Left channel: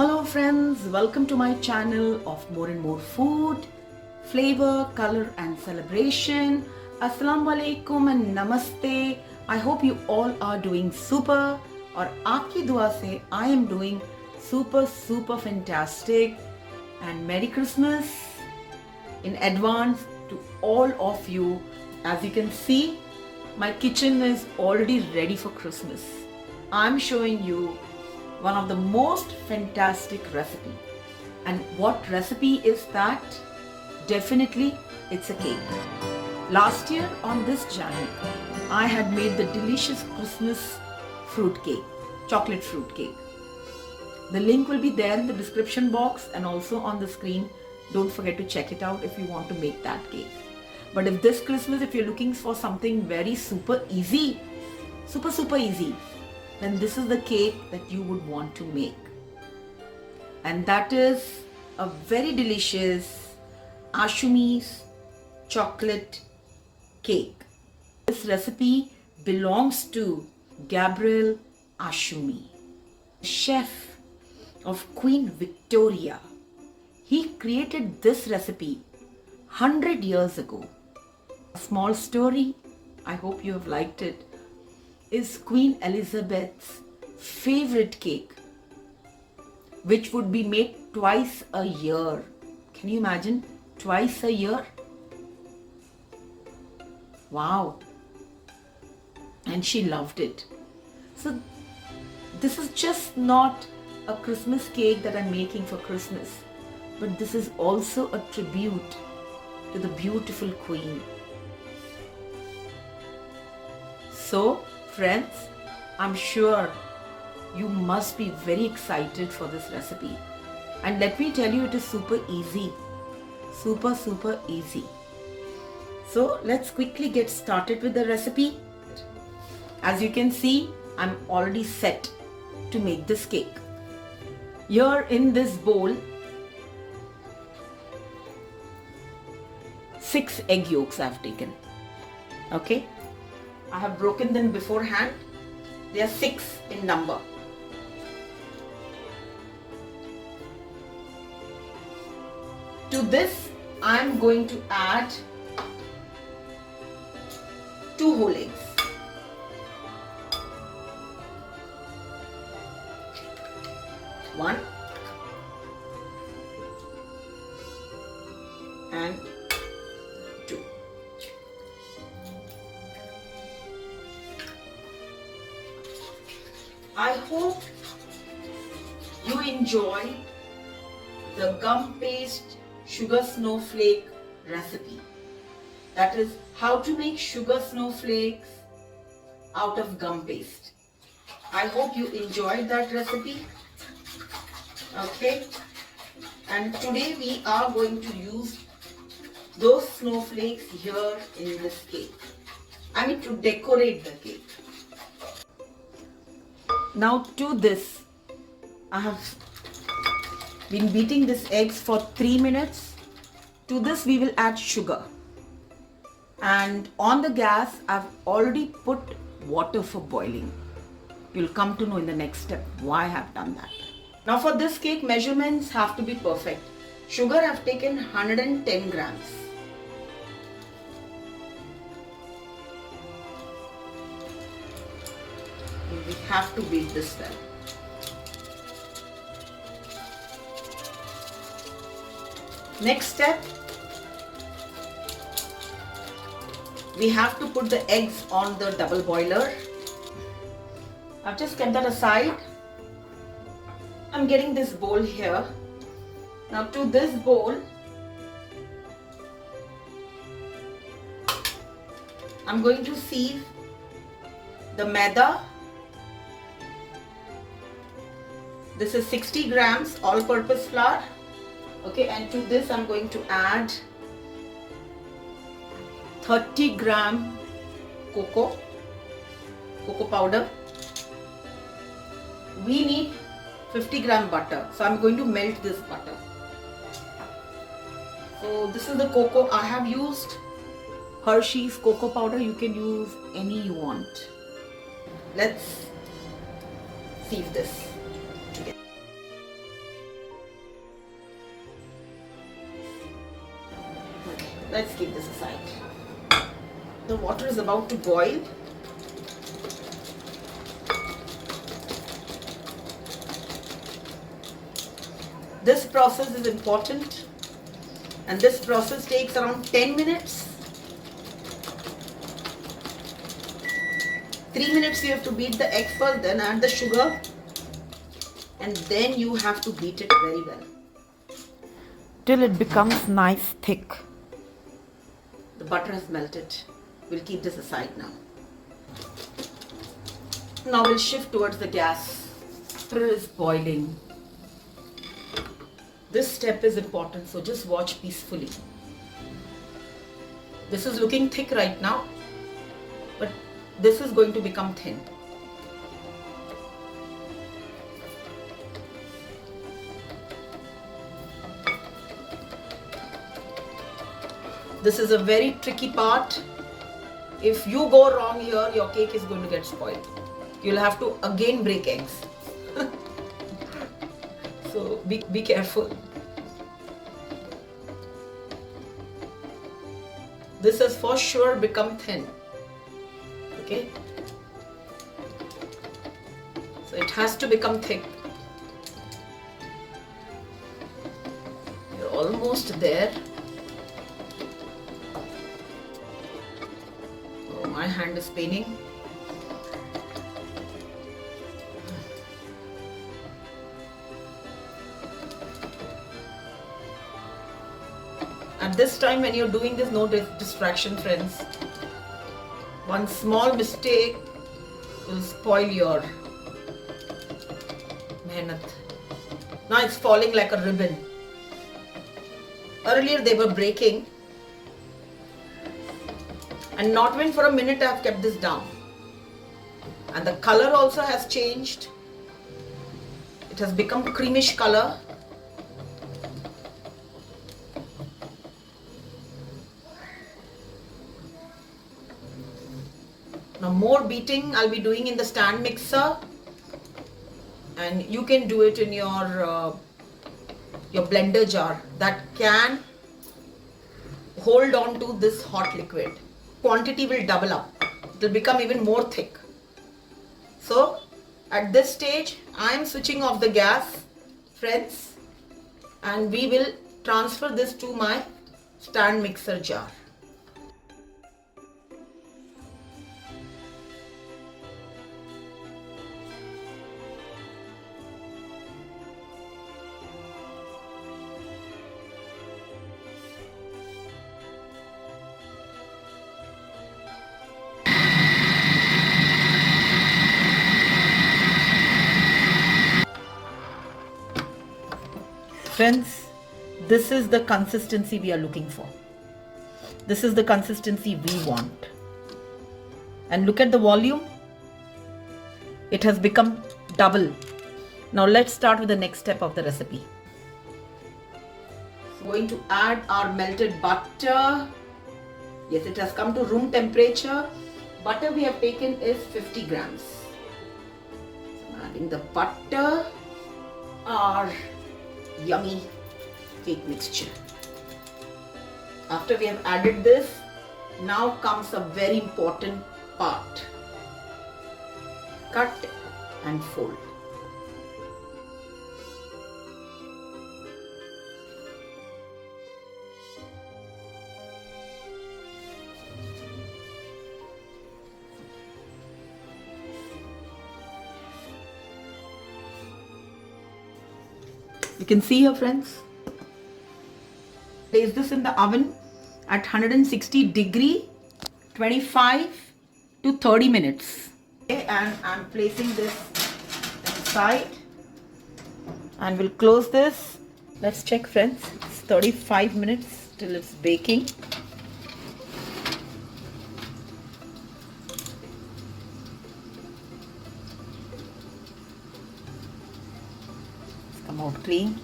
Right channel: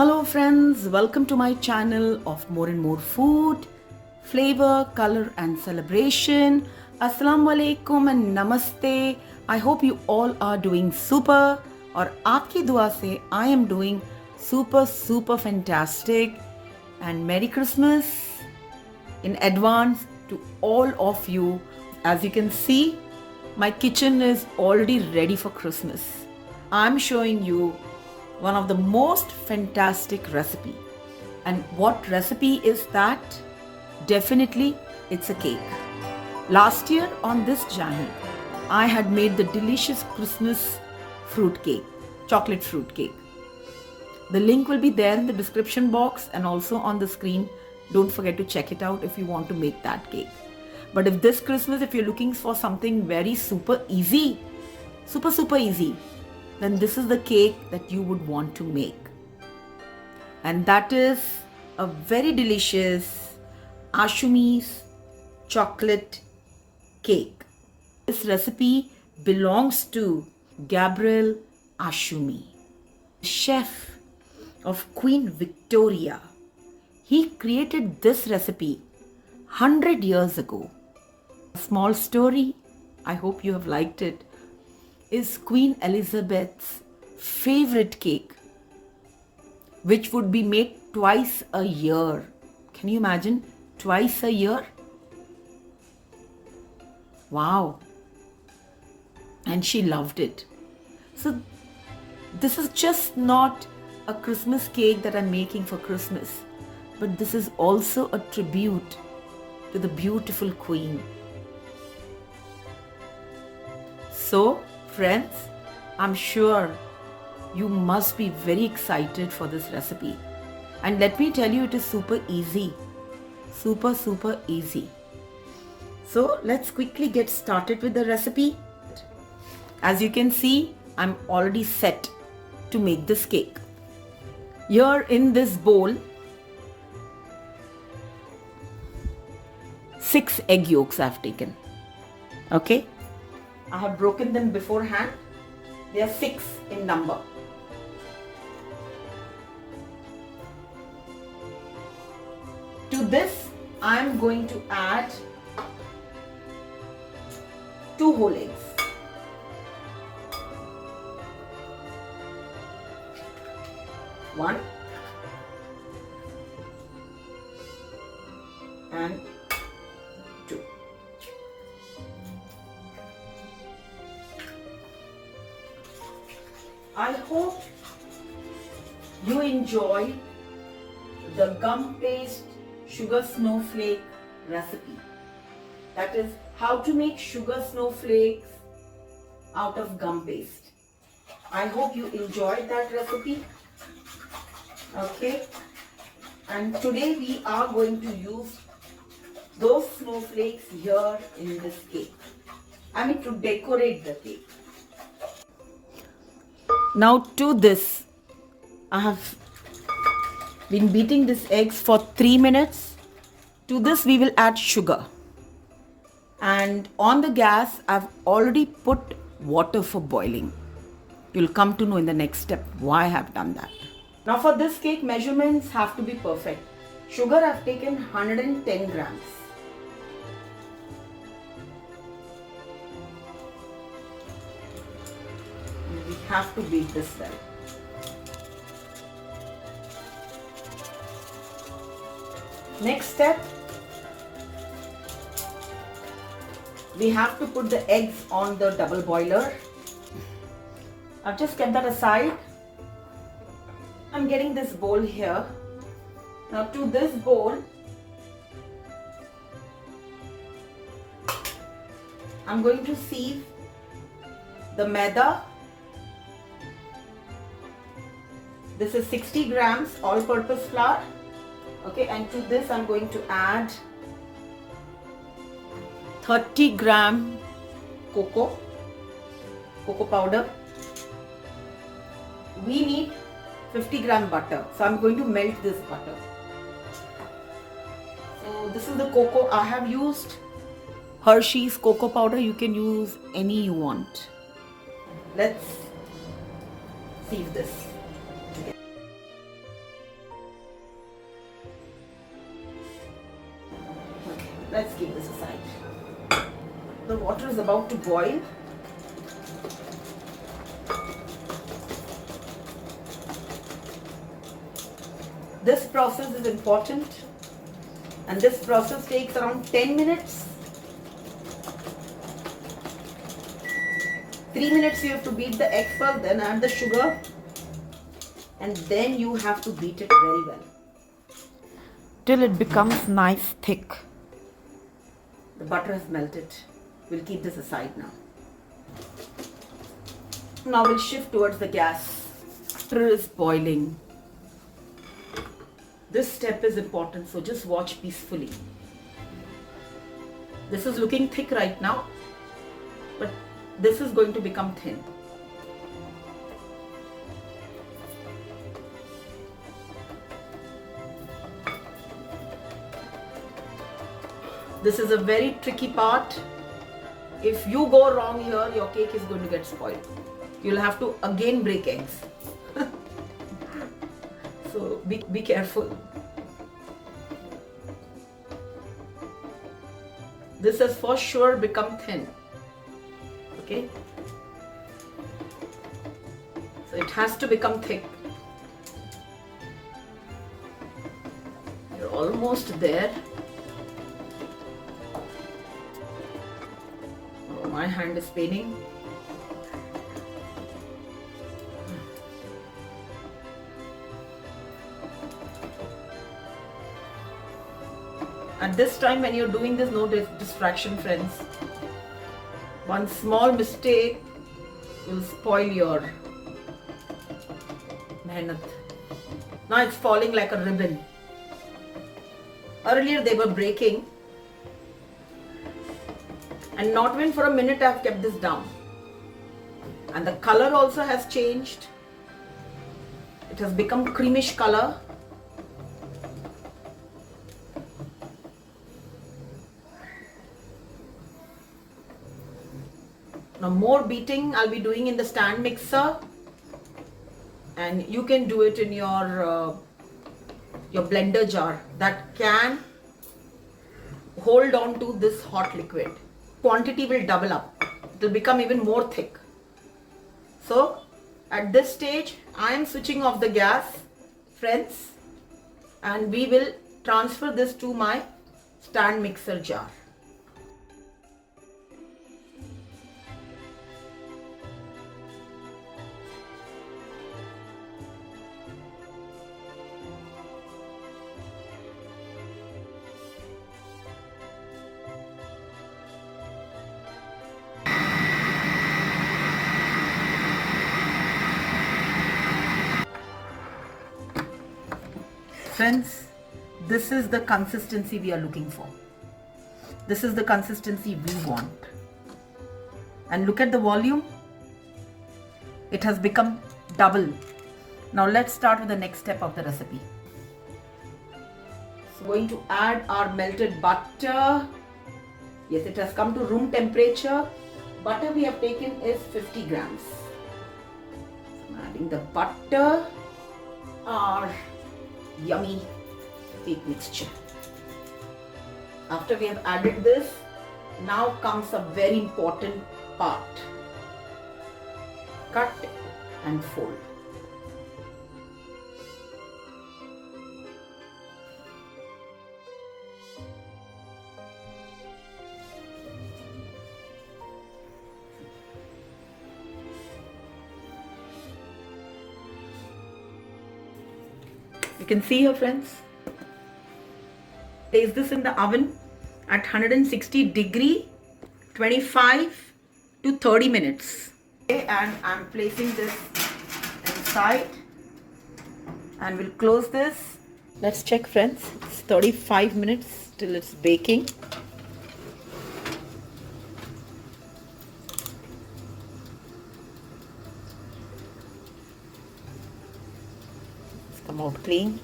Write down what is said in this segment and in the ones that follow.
Hello friends, welcome to my channel of more and more food, flavor, color and celebration. Assalamu alaikum and namaste. I hope you all are doing super और आपकी दुआ से I am doing super fantastic and Merry Christmas in advance to all of you. As you can see, my kitchen is already ready for Christmas. I'm showing you one of the most fantastic recipe. And what recipe is that? Definitely it's a cake. Last year on this channel, I had made the delicious Christmas fruit cake, chocolate fruit cake. The link will be there in the description box and also on the screen. Don't forget to check it out if you want to make that cake. But if this Christmas, if you're looking for something very super easy, super easy, then this is the cake that you would want to make. And that is a very delicious Tschumis Chocolate Cake. This recipe belongs to Gabriel Tschumi, chef of Queen Victoria. He created this recipe 100 years ago. A small story, I hope you have liked it, is Queen Elizabeth's favorite cake, which would be made twice a year. Can you imagine? Twice a year? Wow. And she loved it. So this is just not a Christmas cake that I'm making for Christmas, but this is also a tribute to the beautiful Queen. So, friends, I'm sure you must be very excited for this recipe. And let me tell you, it is super easy. Super easy. So, let's quickly get started with the recipe. As you can see, I'm already set to make this cake. Here in this bowl, 6 egg yolks I've taken. Okay? I have broken them beforehand. They are 6 in number. To this, I am going to add 2 whole eggs. One and 2. I hope you enjoy the gum paste sugar snowflake recipe. That is how to make sugar snowflakes out of gum paste. I hope you enjoyed that recipe. Okay, and today we are going to use those snowflakes here in this cake. I mean, to decorate the cake. Now to this, I have been beating these eggs for 3 minutes. To this we will add sugar. And on the gas, I've already put water for boiling. You'll come to know in the next step why I have done that. Now for this cake, measurements have to be perfect. Sugar I've taken 110 grams. We have to beat this well. Next step, we have to put the eggs on the double boiler. I've just kept that aside. I'm getting this bowl here. Now to this bowl, I'm going to sieve the maida. This is 60 grams all-purpose flour. Okay, and to this I'm going to add 30 gram cocoa powder. We need 50 gram butter. So I'm going to melt this butter. So this is the cocoa. I have used Hershey's cocoa powder. You can use any you want. Let's sieve this together. Let's keep this aside. The water is about to boil. This process is important, and this process takes around 10 minutes. 3 minutes you have to beat the egg first, then add the sugar, and then you have to beat it very well till it becomes nice thick. The butter has melted. We'll keep this aside now. Now we'll shift towards the gas. Butter is boiling. This step is important, so just watch peacefully. This is looking thick right now, but this is going to become thin. This is a very tricky part. If you go wrong here, your cake is going to get spoiled. You'll have to again break eggs. So be careful. This has for sure become thin. Okay? So it has to become thick. You're almost there. Oh, my hand is paining. At this time when you're doing this, no distraction, friends. One small mistake will spoil your mehnat. Now it's falling like a ribbon. Earlier they were breaking, and not even for a minute I have kept this down. And the color also has changed. It has become creamish color. Now more beating I'll be doing in the stand mixer, and you can do it in your blender jar that can hold on to this hot liquid. Quantity will double up. It will become even more thick. So at this stage I am switching off the gas, friends, and we will transfer this to my stand mixer jar. Friends, this is the consistency we are looking for. This is the consistency we want. And look at the volume. It has become double. Now let's start with the next step of the recipe. So going to add our melted butter. Yes, it has come to room temperature. Butter we have taken is 50 grams. So adding the butter, our yummy cake mixture. After we have added this, now comes a very important part. Cut and fold. You can see here, friends. Place this in the oven at 160 degree, 25 to 30 minutes. Okay, and I'm placing this inside, and we'll close this. Let's check, friends. It's 35 minutes till it's baking. Come out clean.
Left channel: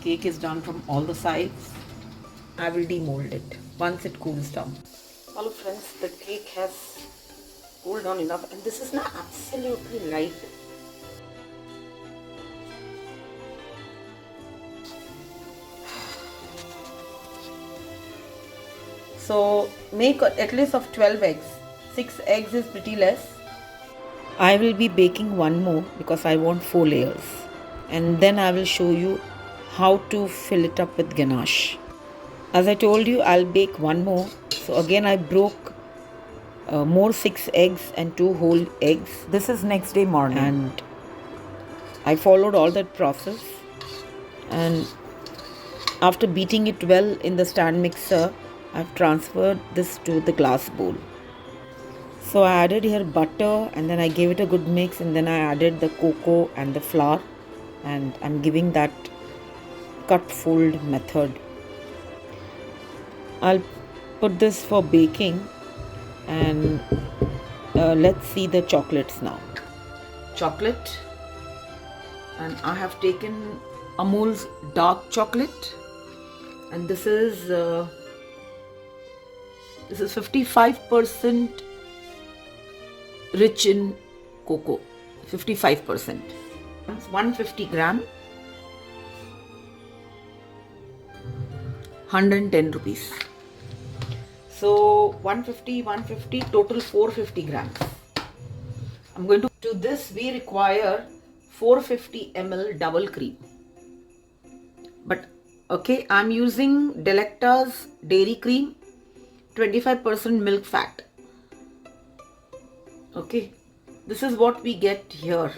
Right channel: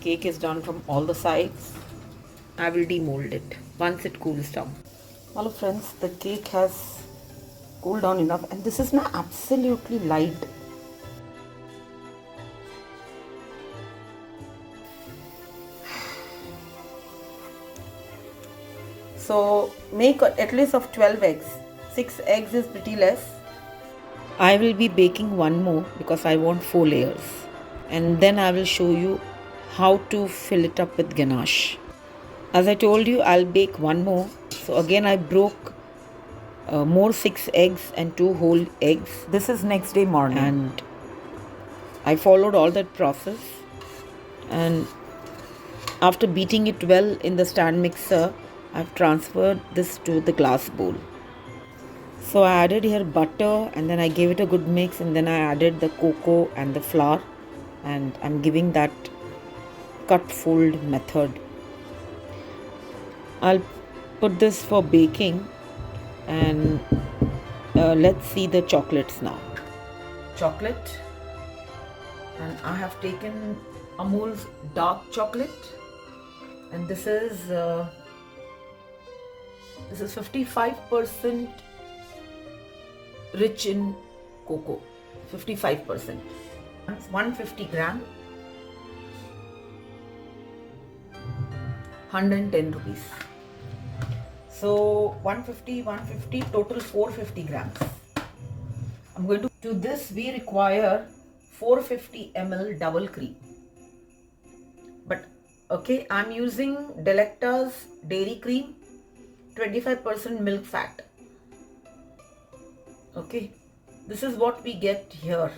Cake is done from all the sides. I will demold it once it cools down. Hello friends, the cake has cooled down enough, and this is now absolutely light. So make at least of 12 eggs. 6 eggs is pretty less. I will be baking one more because I want 4 layers. And then I will show you how to fill it up with ganache. As I told you, I'll bake one more. So again I broke more 6 eggs and 2 whole eggs. This is next day morning. And I followed all that process. And after beating it well in the stand mixer, I've transferred this to the glass bowl. So I added here butter and then I gave it a good mix, and then I added the cocoa and the flour, and I'm giving that cut fold method. I'll put this for baking, and let's see the chocolates now. Chocolate, and I have taken Amul's dark chocolate, and this is 55% rich in cocoa. 55%. 150 gram. 110 rupees. So 150, total 450 grams. I'm going to this we require 450 ml double cream. But okay, I'm using Delecta's dairy cream, 25% milk fat. Okay, this is what we get here.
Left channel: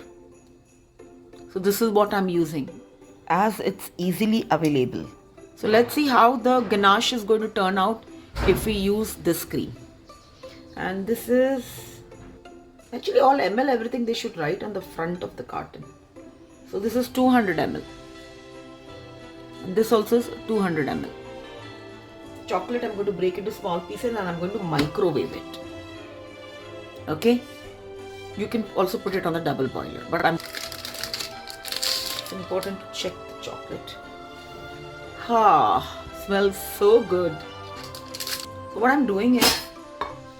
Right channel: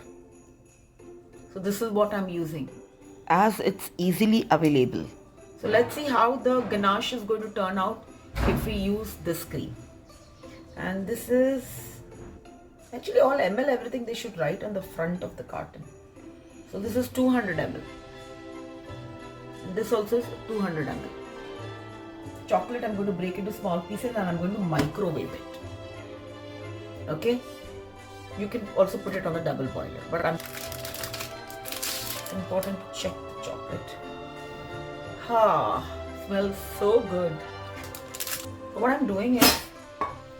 So this is what I'm using, as it's easily available. So let's see how the ganache is going to turn out if we use this cream. And this is actually all ml, everything they should write on the front of the carton. So this is 200 ml. And this also is 200 ml. Chocolate I'm going to break into small pieces and I'm going to microwave it. Okay, you can also put it on the double boiler, but it's important to check the chocolate. Smells so good. So what I'm doing is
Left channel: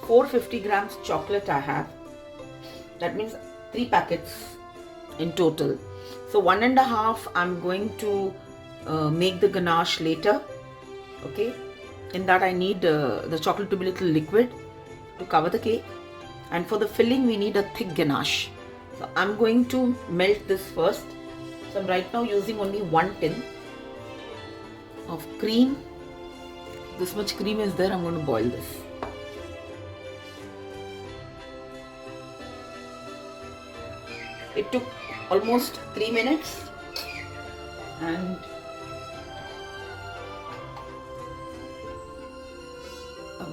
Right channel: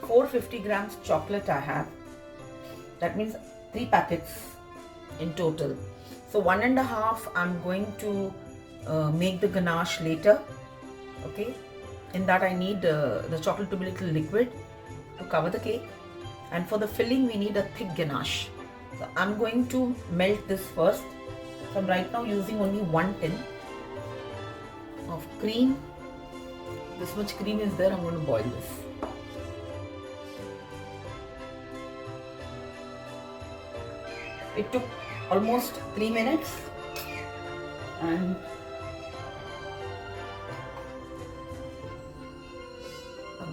450 grams chocolate I have. That means 3 packets in total. So 1.5 I'm going to make the ganache later. Okay, in that I need the chocolate to be a little liquid to cover the cake. And for the filling, we need a thick ganache. So I'm going to melt this first. So I'm right now using only 1 tin of cream. This much cream is there. I'm going to boil this. It took almost 3 minutes. And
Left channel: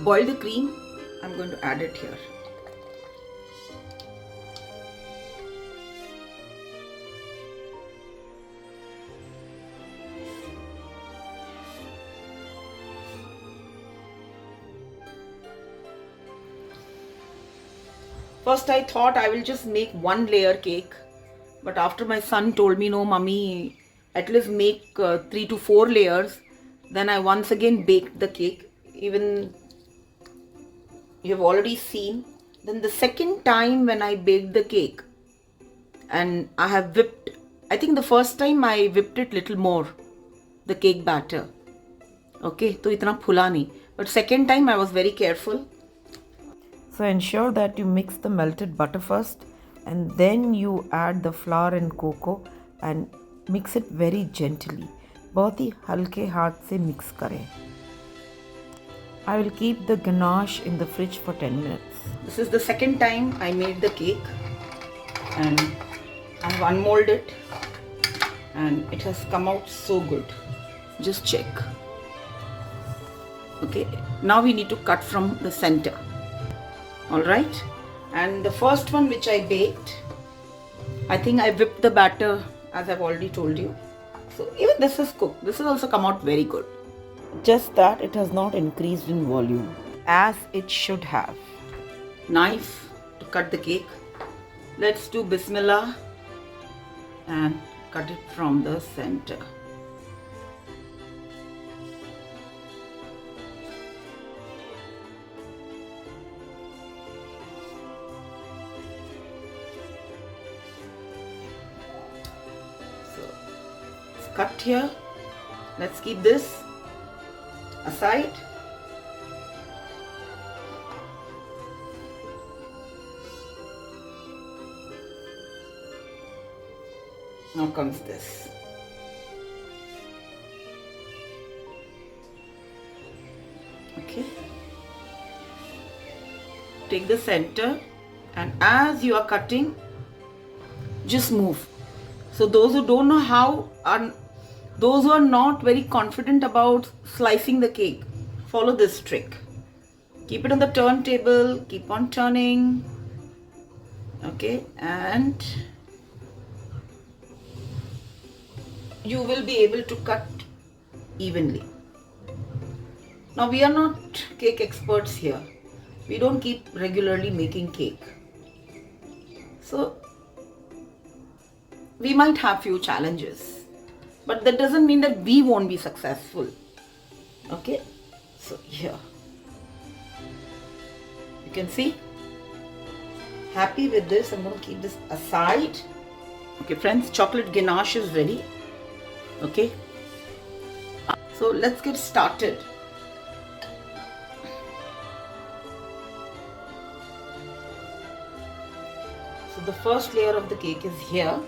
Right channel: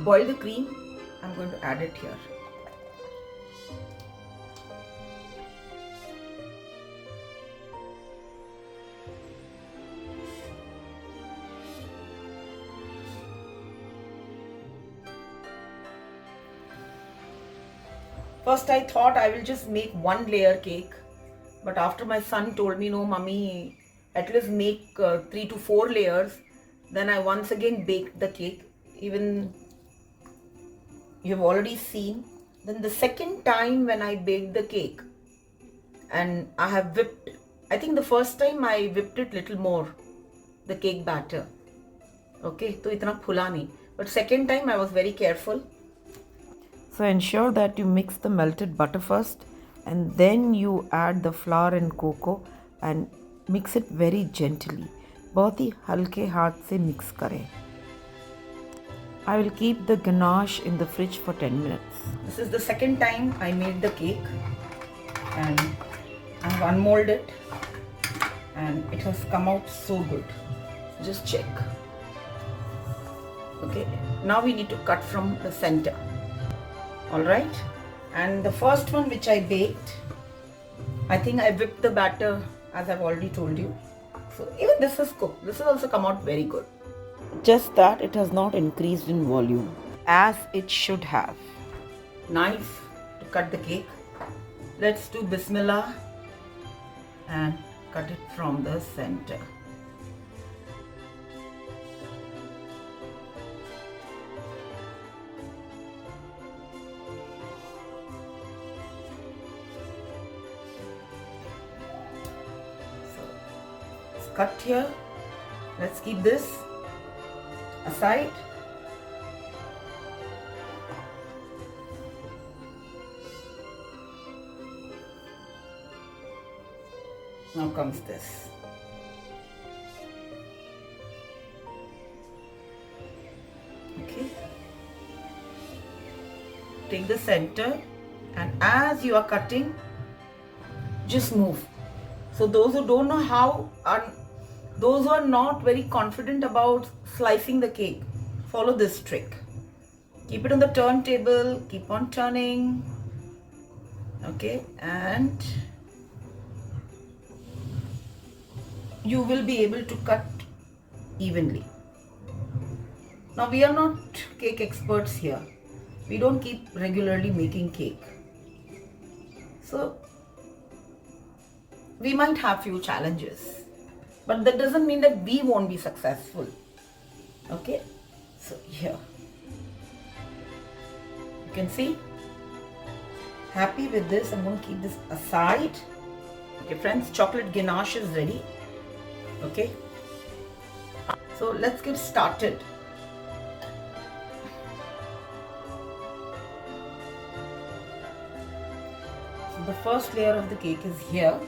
boil the cream. I'm going to add it here. First I thought I will just make 1 layer cake, but after my son told me, no mummy, at least make 3 to 4 layers, then I once again baked the cake. Even you have already seen. Then the second time when I baked the cake, and I have whipped, I think the first time I whipped it little more, the cake batter. Okay, so itna phula nahi. But second time I was very careful. So ensure that you mix the melted butter first, and then you add the flour and cocoa and mix it very gently. बहुत ही हल्के हाथ से mix करें. I will keep the ganache in the fridge for 10 minutes. This is the second time I made the cake, and I've unmolded it, and it has come out so good. Just check. Okay, now we need to cut from the center. Alright, and the first one which I baked, I think I whipped the batter as I've already told you. So even this is cooked. This has also come out very good. Just that it has not increased in volume as it should have. Knife to cut the cake. Let's do Bismillah and cut it from the center. Cut here. Let's keep this aside. Now comes this. Okay. Take the center, and as you are cutting, just move. So those who don't know how, and those who are not very confident about slicing the cake, follow this trick. Keep it on the turntable, keep on turning. Okay, and you will be able to cut evenly. Now we are not cake experts here. We don't keep regularly making cake. So we might have few challenges, but that doesn't mean that we won't be successful. Okay, so here you can see. Happy with this. I'm going to keep this aside. Okay friends, chocolate ganache is ready. Okay, so let's get started. So the first layer of the cake is here.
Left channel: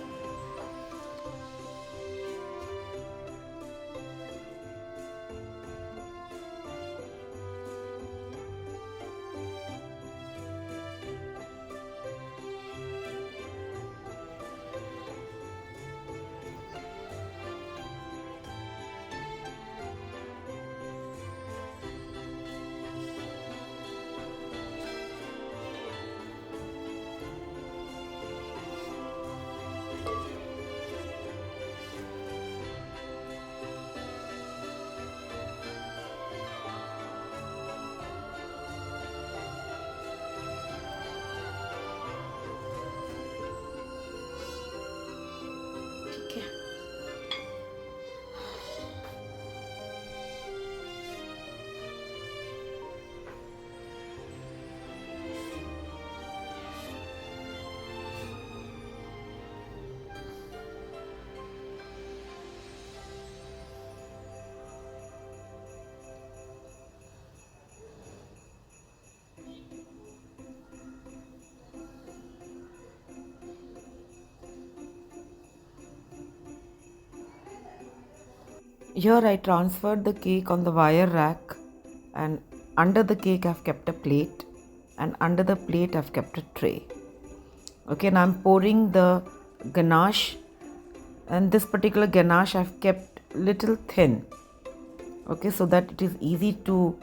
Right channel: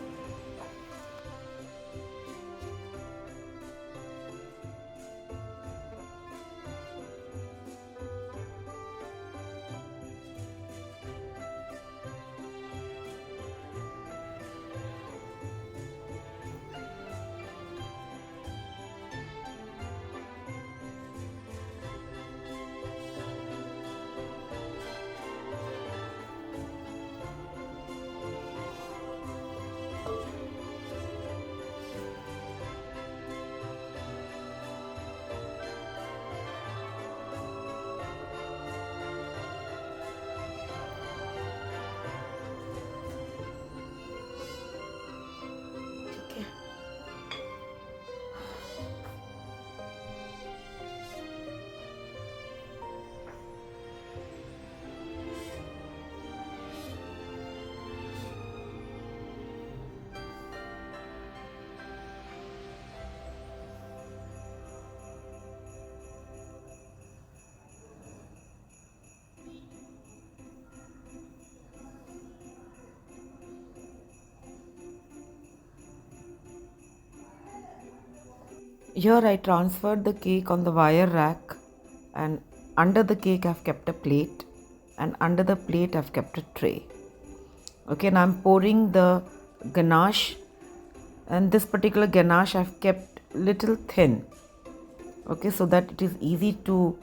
Here I transferred the cake on the wire rack, and under the cake I've kept a plate, and under the plate I've kept a tray. Okay, and I'm pouring the ganache, and this particular ganache I've kept little thin. Okay, so that it is easy to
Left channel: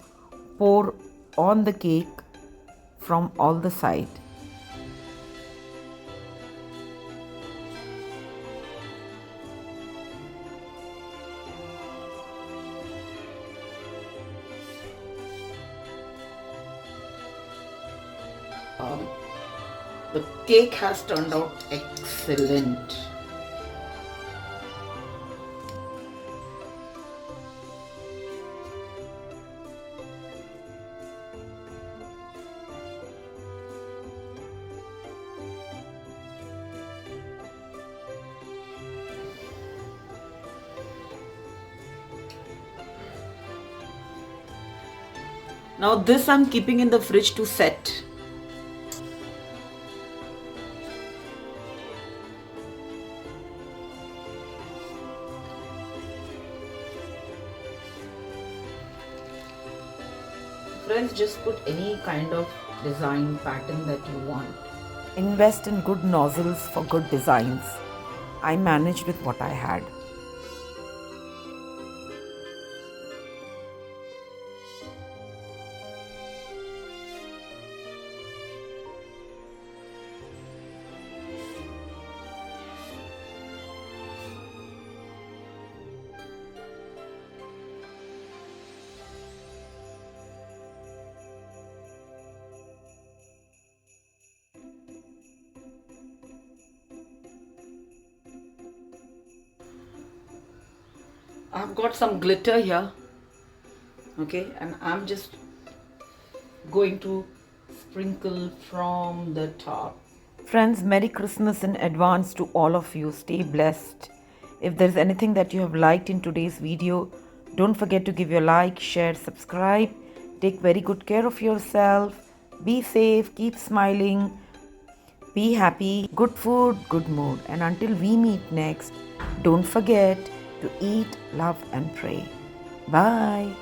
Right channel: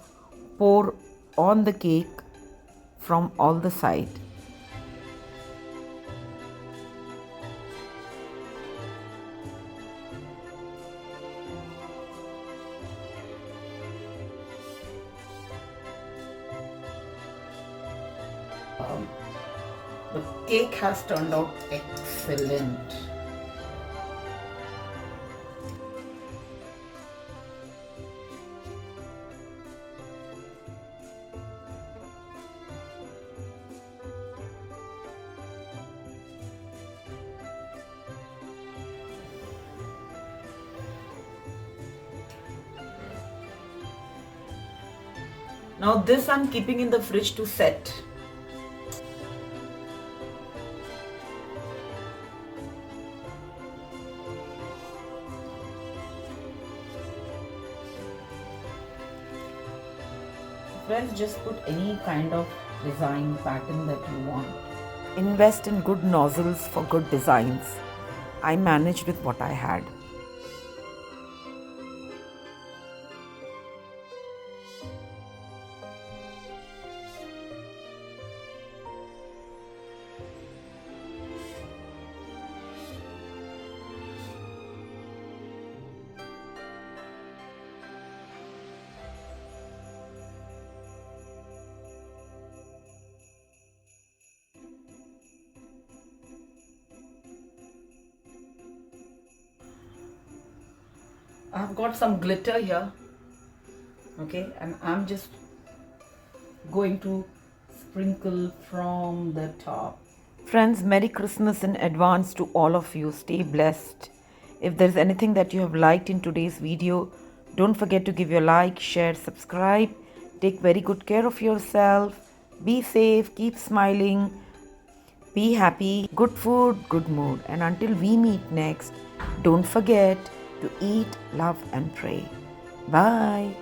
pour on the cake from all the sides. The cake has turned out excellent. Now this I'm keeping in the fridge to set. Friends, just put any kind of design pattern that you want. Invest in good nozzles for good designs. I managed with what I had. I've got some glitter here, okay, and I'm just going to sprinkle from the top. Friends, Merry Christmas in advance to all of you. Stay blessed. If there's anything that you have liked in today's video, don't forget to give your like, share, subscribe. Take very good care of yourself. Be safe, keep smiling. Be happy, good food, good mood. And until we meet next, don't forget to eat, love, and pray. Bye.